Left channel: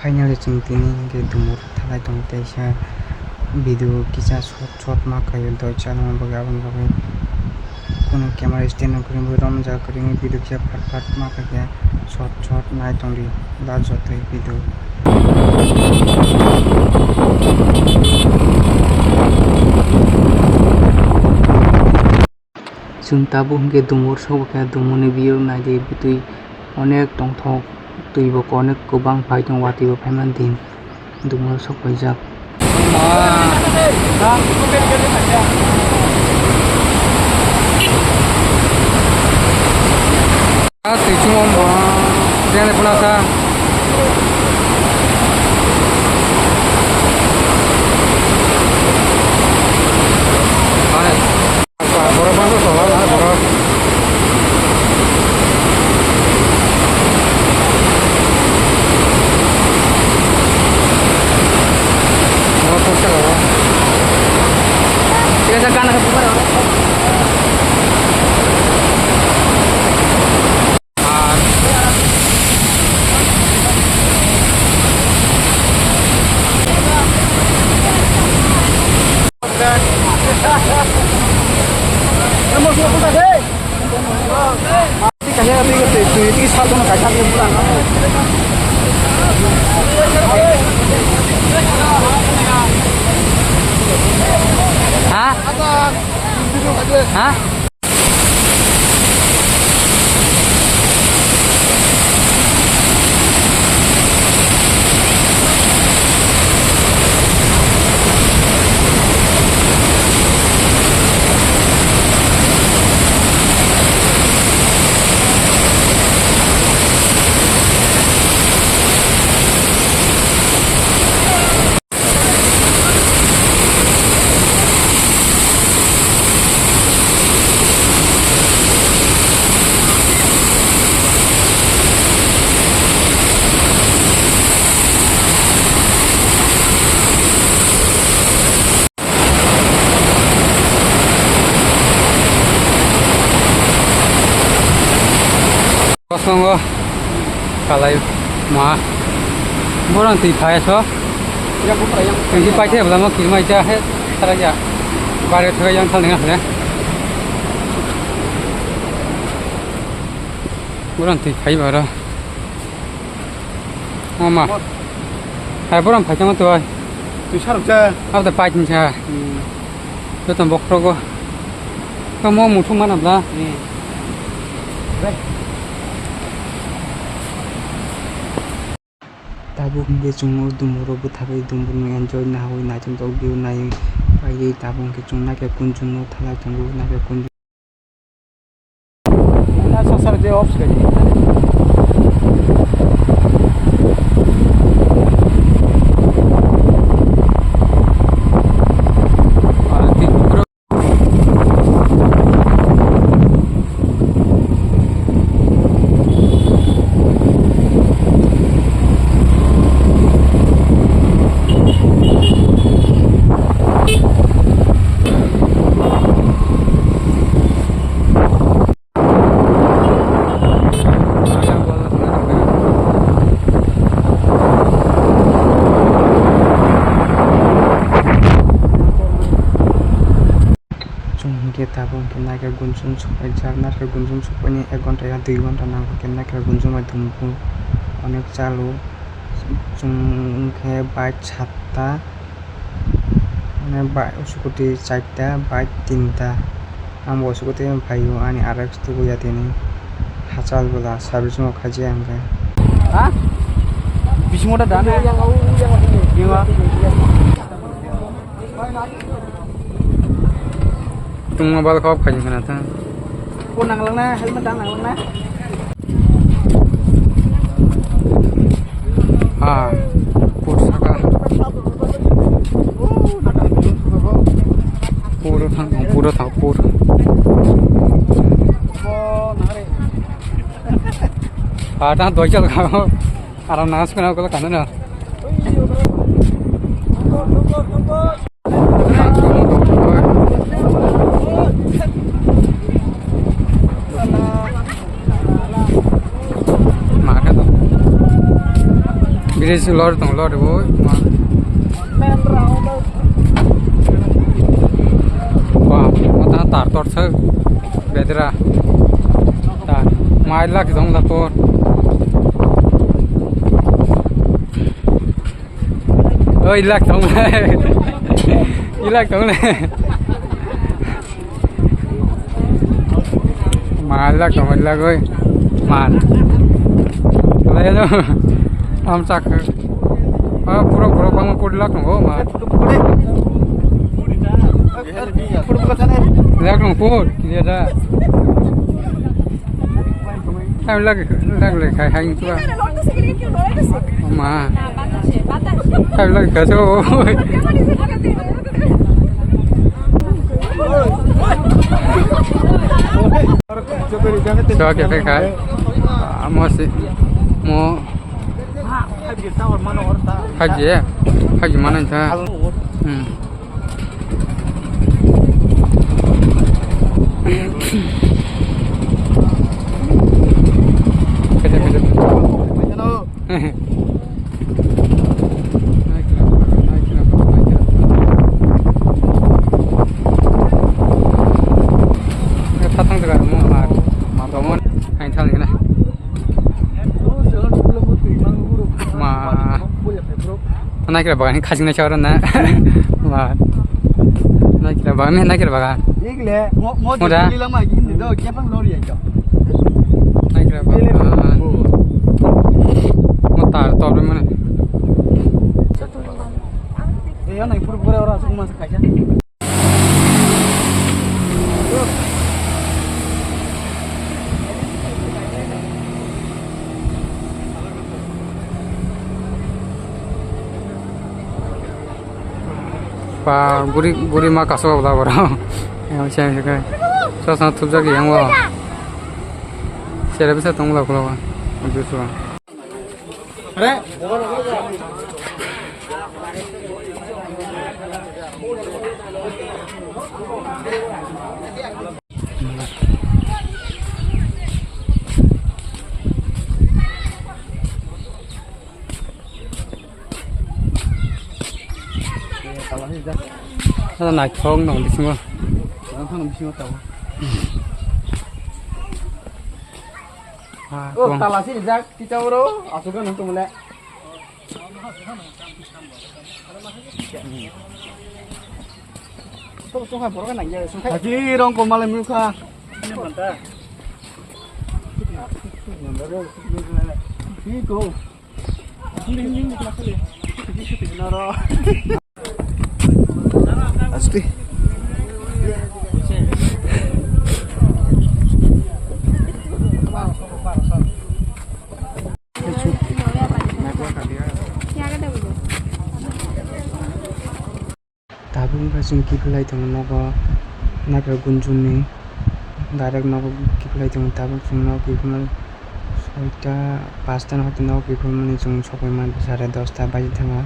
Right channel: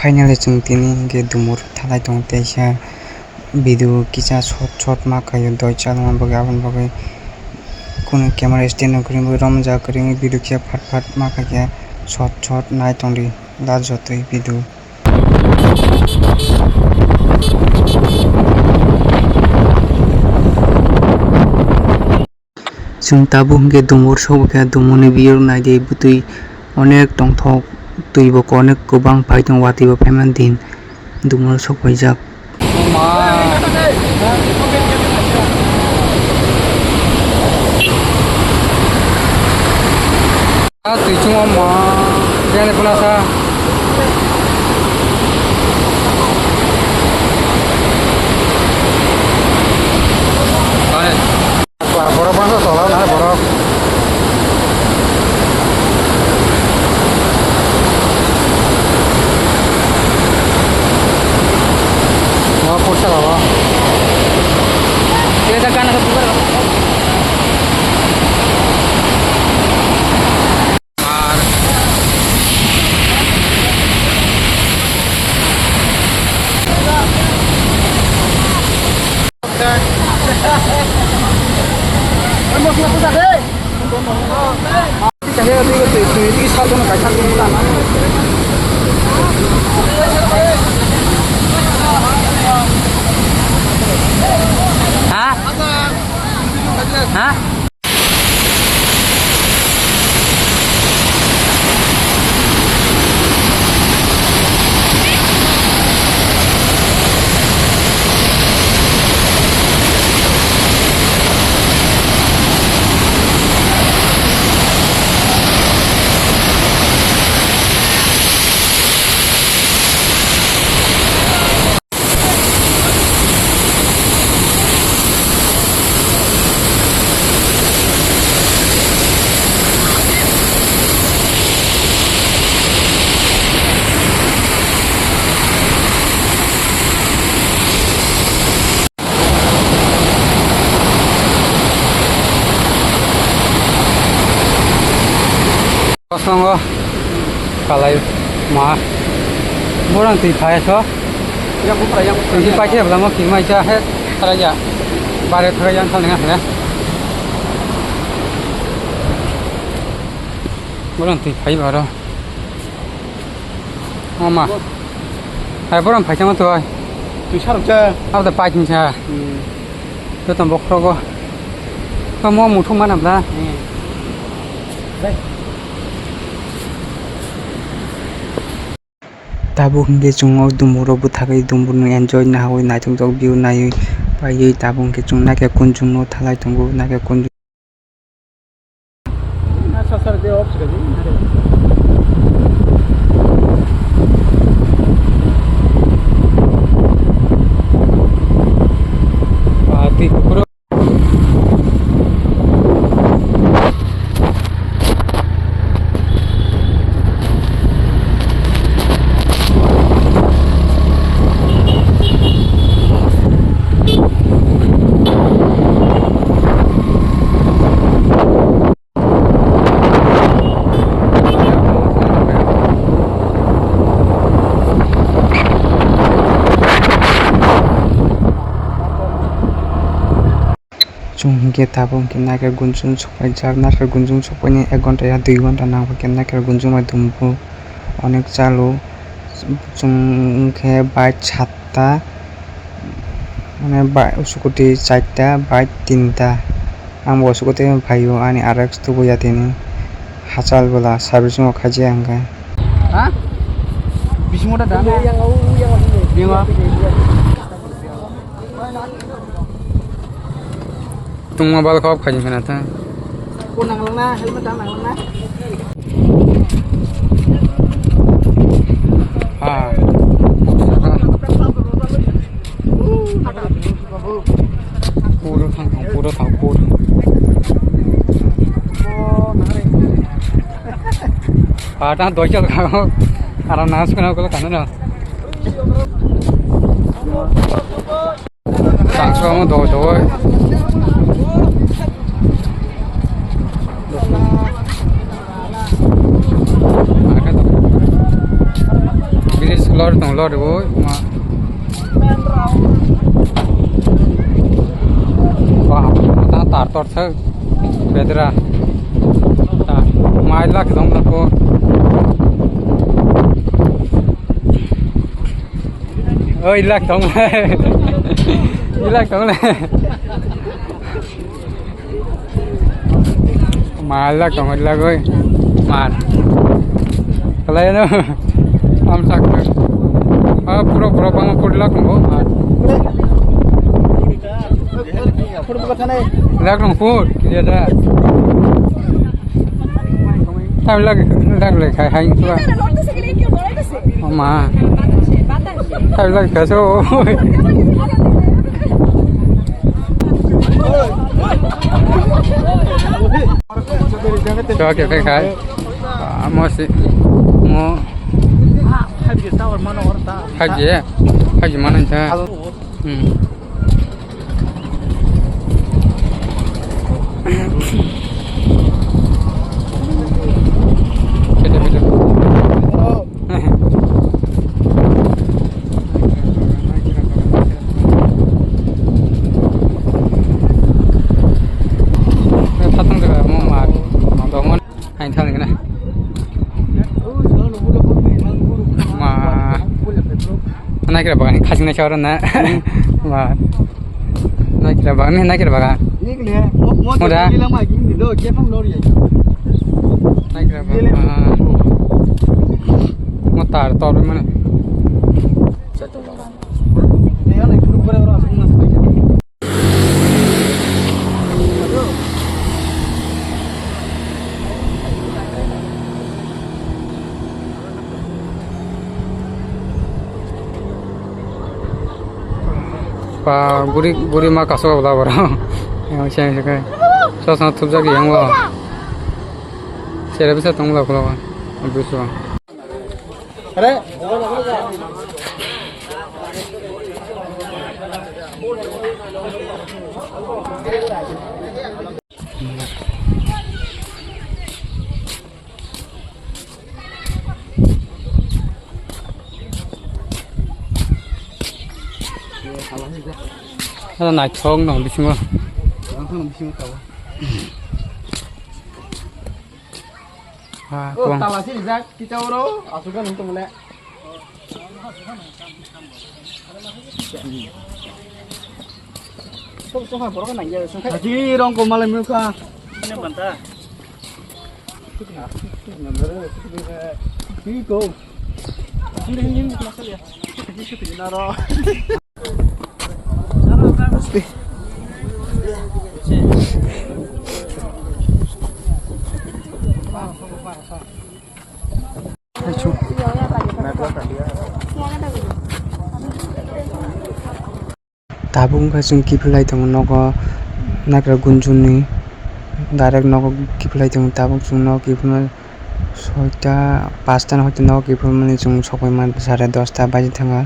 Finally chung tini ge dumur thalai tong teisa video kisa shot ma kayo doi chalma bagi abon bagi kono camera stand kring ramja kring video kya phat ma kya shot nai tong ri la jotoi video chung tabu ge dumur sob kya dumuni biyor nai de butui onek tongthok tui bo onek kubang pai tong wati bo pheman din dumur sok paijak Tichung ma jane punasa borok bangsa solar na borok mau kursa kawa kita jalan ke bubar Hah? Kosong kalai ma borang ti phai so yang pura yang ti pai ke bang ki mai ja he thara ja bare thara yang thong nga ne borang ti phai ba ro ma hai borang phai chang to ai ti sarap cha au ta pai chin cha to tam bok ro go ka mo mu thum man am la tabu hingge chung dumuro bu thagai dumur no enjoy na hoi na chung jok view nai pai tabu hingge chung na ke kunjung no thalai tongo na ke kunjung na sasar de off re chung tabung kena ke gunjung sopai jak na ke gunjung sopai ni 1 ঘন্টা ya 2 ঘন্টা na kena ke gunjung ma dumbu onek chalo chung ke bike 7ta মানে scooty 4ta bike 3ta ang bo scooty bhaio ani RX to boya tini hachal bola service mo khaji anga ha bismoda dana yang au tung mobile khop khaji kana ta ko nang lang na helmet dang nang lang na ha pot saka puro thang puro ha ta doi cha ka aram nas kana ko kana na sa ko do do Bridge lor tong lor bo ma. Wow, ta tar tor thak bedra. Ta mai lak jong la ko. Ơi lak jong le. Lak jong le. Mai lak jong la ơi. Man. Kalay no. Am sak. Pura bang pudlak no man. Lak no pud kia da. Tam lak le khai hành tu. Ma. Tam lak ka so. Cho kìa cái khai. Mo si mo haji mana cha beda beda patang juga mau domon hai thang cái này mà nay kira bagan khasing na chawran na ma nay kira bagan me nay kira bagan moda nay kira bagan motar tor be mane pa guri ma kaso bala bara yang chen se kai so sa thup ja ki yang wa chere bisa tong la kula wa bisu are nó nãy không nó bị chưa nó không bị chưa tao oh talah sih Zak kita bro asukan untuk mulai tuh sungai bro kan aja sungai haji dong kau malam muka ini mantap nomor ini go ini masalah ya ini naro Meski tabung ka sung kipulai tong nogo nakra gunjuni direct nogo kipulai tong tabung sung no kipulai soita 5টা হয়তো nogo kipulai mani sung sokai man 10:30 baji thanga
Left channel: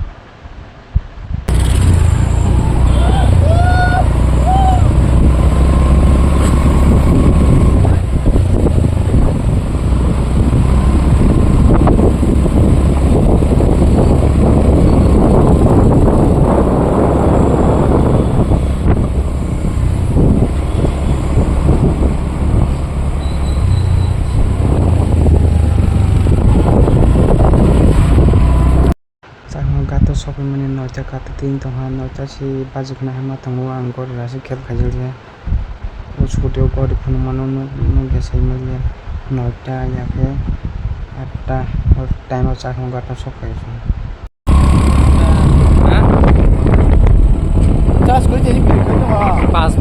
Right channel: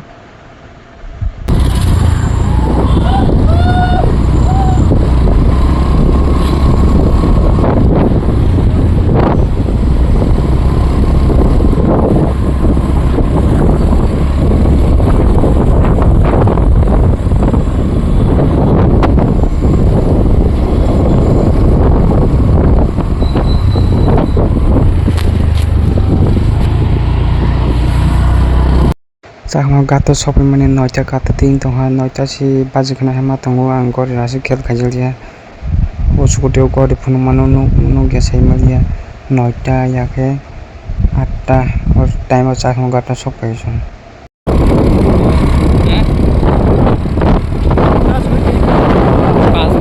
Sama gato sopi mani noja kata ting tongha noja si baju kena hema tonggo anggor rasi ket kajil dia usuku deo gori punu manu nu gesai malia noja ya ke atta or time o sama gato sopi son pas